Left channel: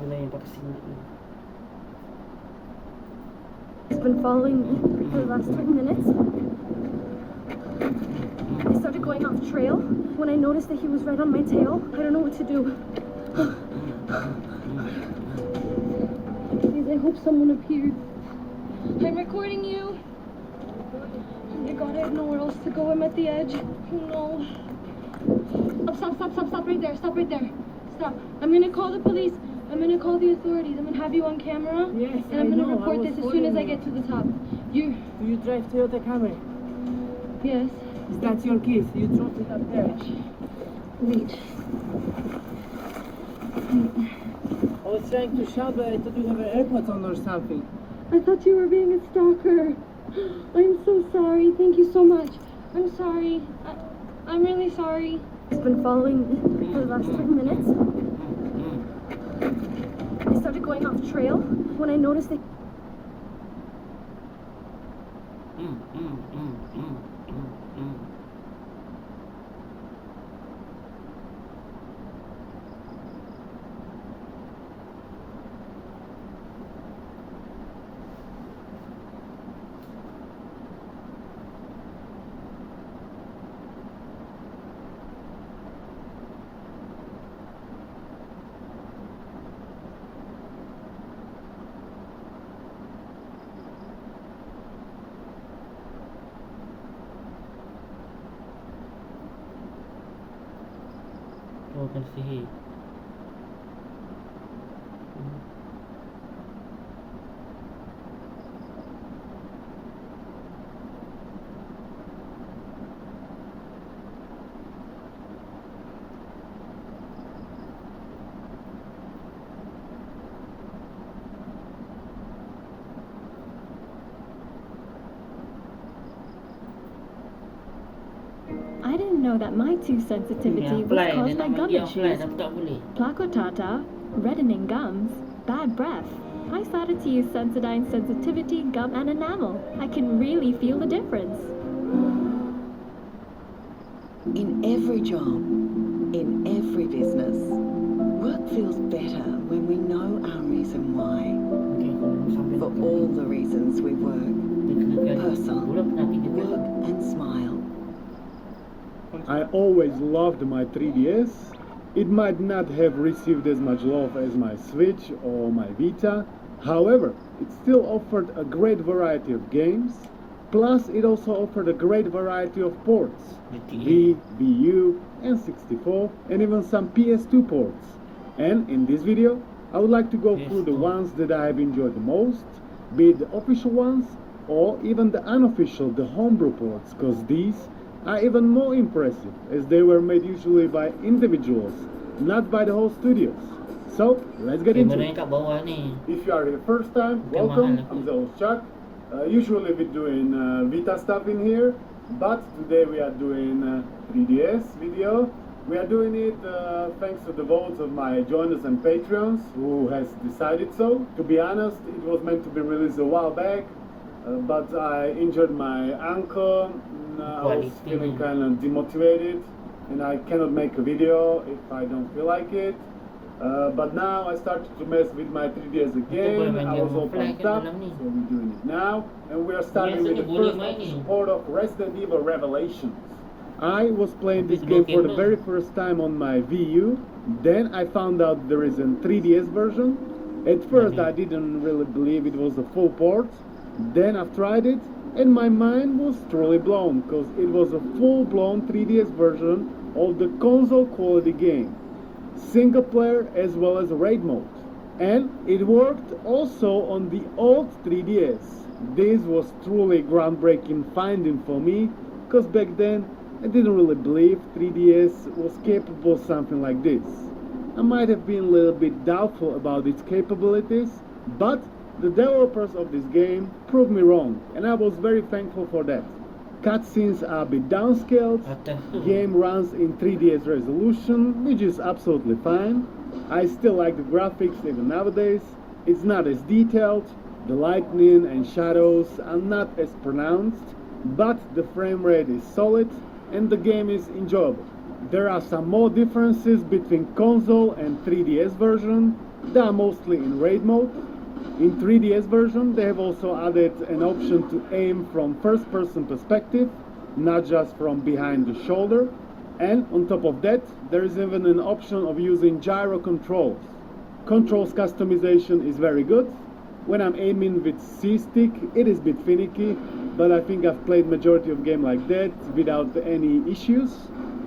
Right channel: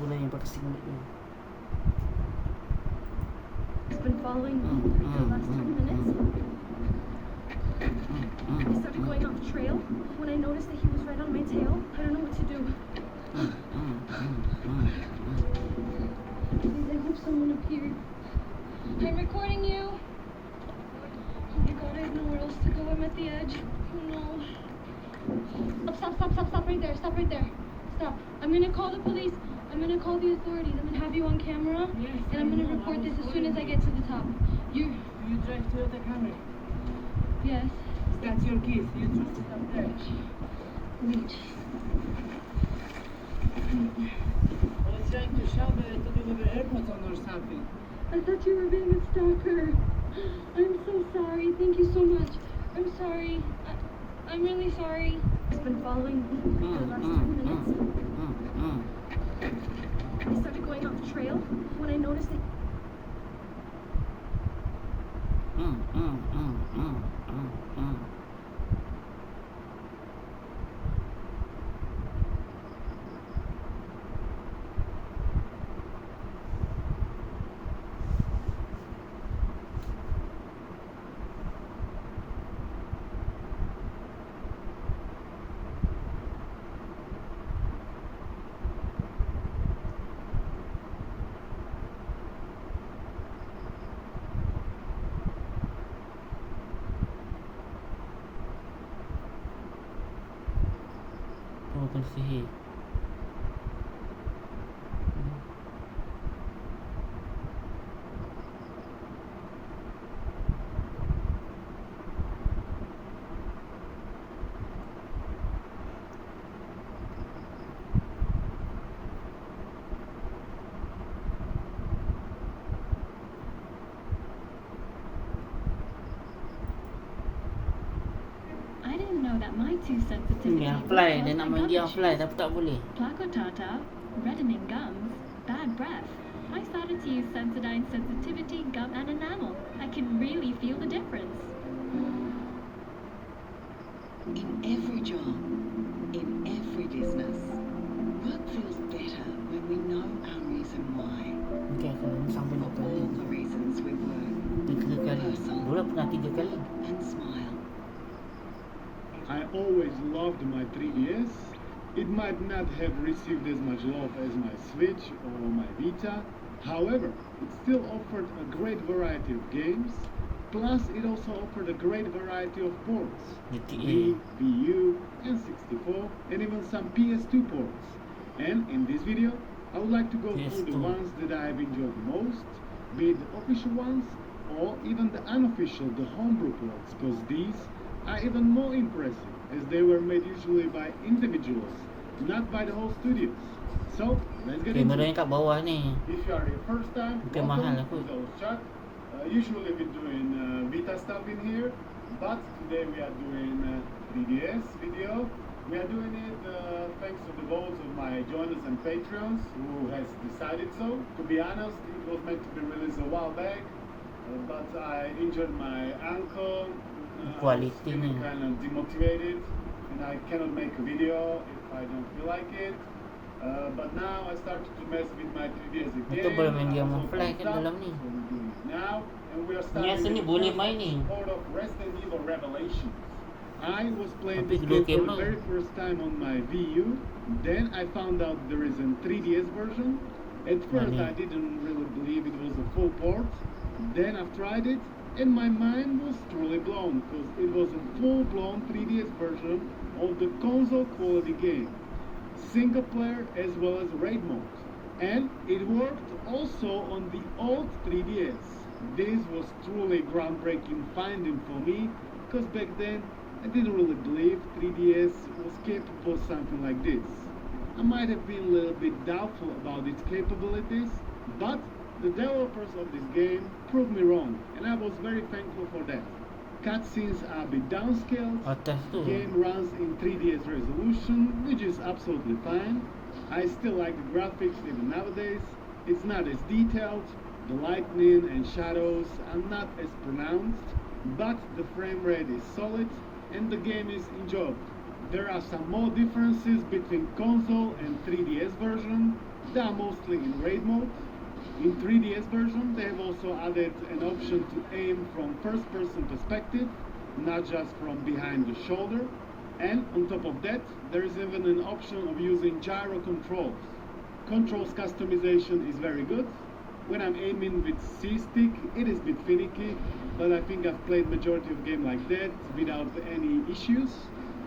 Muna yung patasing na yun. He's been following me for the last 10 minutes. I started going off trail when I noticed that he was right on my tail. I don't know what to do. Please, I hope someone appeared. I'm recording you. Oh my god, I have nowhere else to go. I'm at the edge. Oh no. Stop right there. Stop right there. Stop. I'm gonna call the police. I'm gonna call the authorities. I'm gonna have you on camera. Yes, and I'm gonna report this as soon as I get to the top. Do you drive Toyota Camry? Yes. Is that your keys? You dropped it up there. Wait. I was trying to shout, but I thought you have AirPods on or something. I thought you were being a stalker. I'm so sorry. Thank you so much. I'm sorry. I'm really sorry. He's been following me for the last 10 minutes. I started going off trail when I noticed that. Open sihi. I didn't know that my tooth sensitivity Yang was fly, caused dia by nama gum dia fly, issues. tapi tak boleh. Plaque tartar, reddening gums, bad breath. I started to use Sensodyne sensitivity, gum, and enamel. I can really feel the difference. In every job, in every business, work feels better when we know our reason why. Okay, kalau sampai For all the reasons we work, personal, dulu pernah tidur big kan? and smile. I always loved my 3DS. It might not have received as much love as my Switch or my Vita. However, it still offered a great variety of games. Plus, it also offered a great variety of ports. V, VU, N64, and even some PS2 ports. And in this video, I would like to go through the ones that I have enjoyed the most, be it the official ones, or even the unofficial, the homebrew ports, because these are even more impressive, as they were made usually by individuals, not by the whole studios. So, let's get into it. Kat bawah ni. If you are here first time, welcome. I'm the host Chuck. Usually we're doing Vita stuff in here, but today we are doing 3DS video. We are doing it thanks to the votes of my joiners and Patreons who has decided so. To be honest, it was meant to be released a while back, but I injured my ankle. I was feeling kind of demotivated and I cannot make a video if I don't feel like it. But now I started to mess with my 3DS again. I was all pumped up, so we're doing it now. And we are starting with the first part of Resident Evil Revelations. I was playing this game for the very first time on my VU. Then I found out there is a 3DS version. At first I didn't really believe it was a full port. Then I've tried it and my mind was truly blown because it was a full-blown 3DS version of the console quality game. Single player as well as raid mode. And it worked also on the old 3DS. This was truly groundbreaking finding for me because back then I didn't really believe 3DS was capable of something like this. I might have been a little bit doubtful about its capabilities, but the developers of this game proved me wrong, and I was very thankful for that. Cutscenes are a bit downscaled, game runs in 3DS resolution, which is absolutely fine. I still like the graphics even nowadays. It's not as detailed, the lightning and shadows are not as pronounced, but the frame rate is solid and the game is enjoyable. There are some more differences between console and 3DS version. They are mostly in raid mode. In 3DS version, they have also added an option to aim from first-person perspective, not just from behind the shoulder. And on top of that, there is even an option of using gyro controls. Controls customization is very good. When I'm aiming with C-stick, it is a bit finicky, but I think I've played majority of game like that without any issues.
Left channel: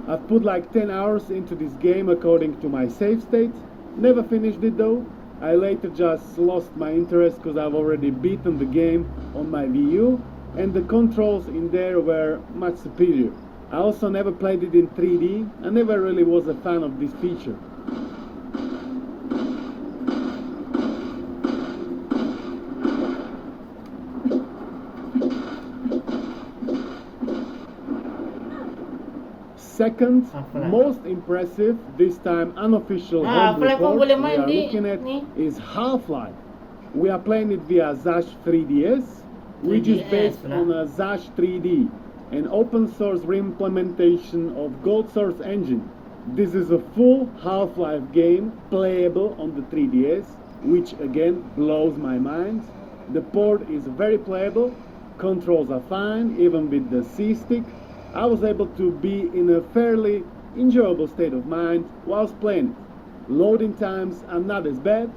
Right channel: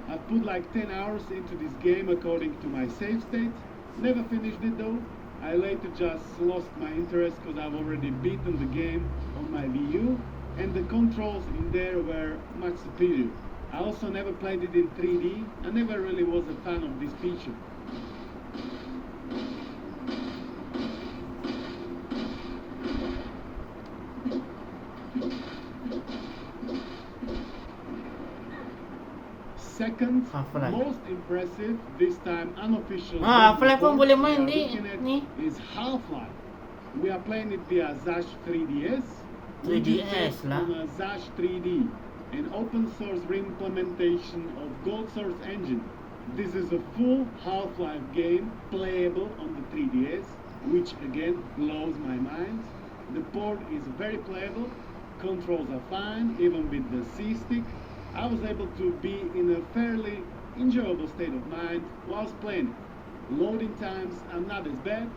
I've put like 10 hours into this game according to my save state. Never finished it though. I later just lost my interest because I've already beaten the game on my Wii U, and the controls in there were much superior. I also never played it in 3D. I never really was a fan of this feature. Second, Half-Life. most impressive, this time unofficial Half-Life pun report boleh we main are di looking at ni. is Half-Life. We are playing it via Zash 3DS, which is 3DS based lah. on a Zash 3D, an open source reimplementation of Gold Source engine. This is a full Half-Life game playable on the 3DS, which again blows my mind. The port is very playable, controls are fine, even with the C-stick. I was able to be in a fairly enjoyable state of mind whilst playing. Loading times are not as bad.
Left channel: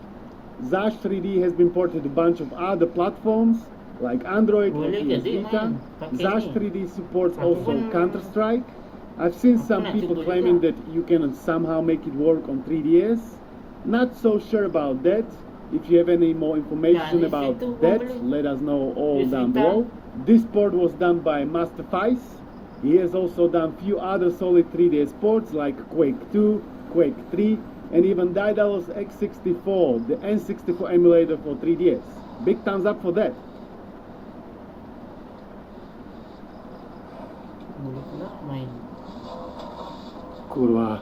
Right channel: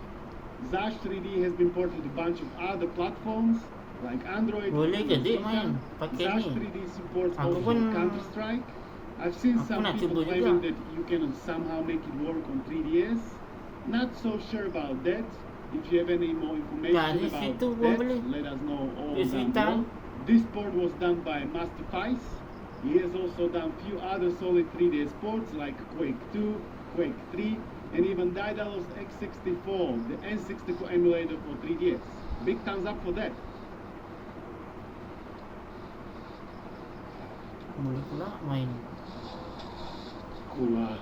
Zash 3D has been ported to a bunch of other platforms like Android Boleh and ke dik Vita. main pakai Zash ni? 3D supports Aku also pun- Counter-Strike. I've seen Aku some nak people cuba claiming juga. that you can somehow make it work on 3DS. Not so sure about that. If you have any more information di about situ pun that, boleh. let us know all Di down Vita. below. This port was done by Master Fice. He has also done few other solid 3DS ports like Quake 2, Quake 3, and even Daedalus X64, the N64 emulator for 3DS. Big thumbs up for that. Boleh pula main. Kurwa.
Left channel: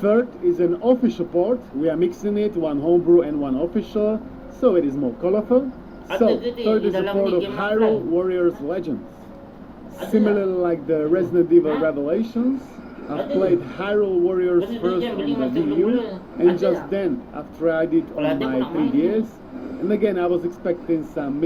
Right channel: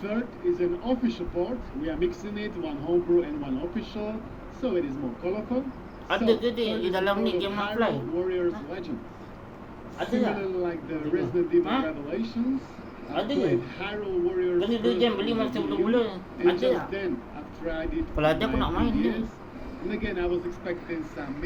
Third is an official port. We are mixing it, one homebrew and one official, so it is more colorful. Ada So, ke dia third di is a dalam port ni of game Hyrule offline? Warriors Legends. Ada Similarly tak? like the Resident Evil Huh? Revelations, I've Ada. played Hyrule Warriors Beli first dia, beli on the macam Wii U, mula-mula. and Ada just tak? then I've tried it Kalau on ada, aku my nak main 3DS. And again, I was expecting some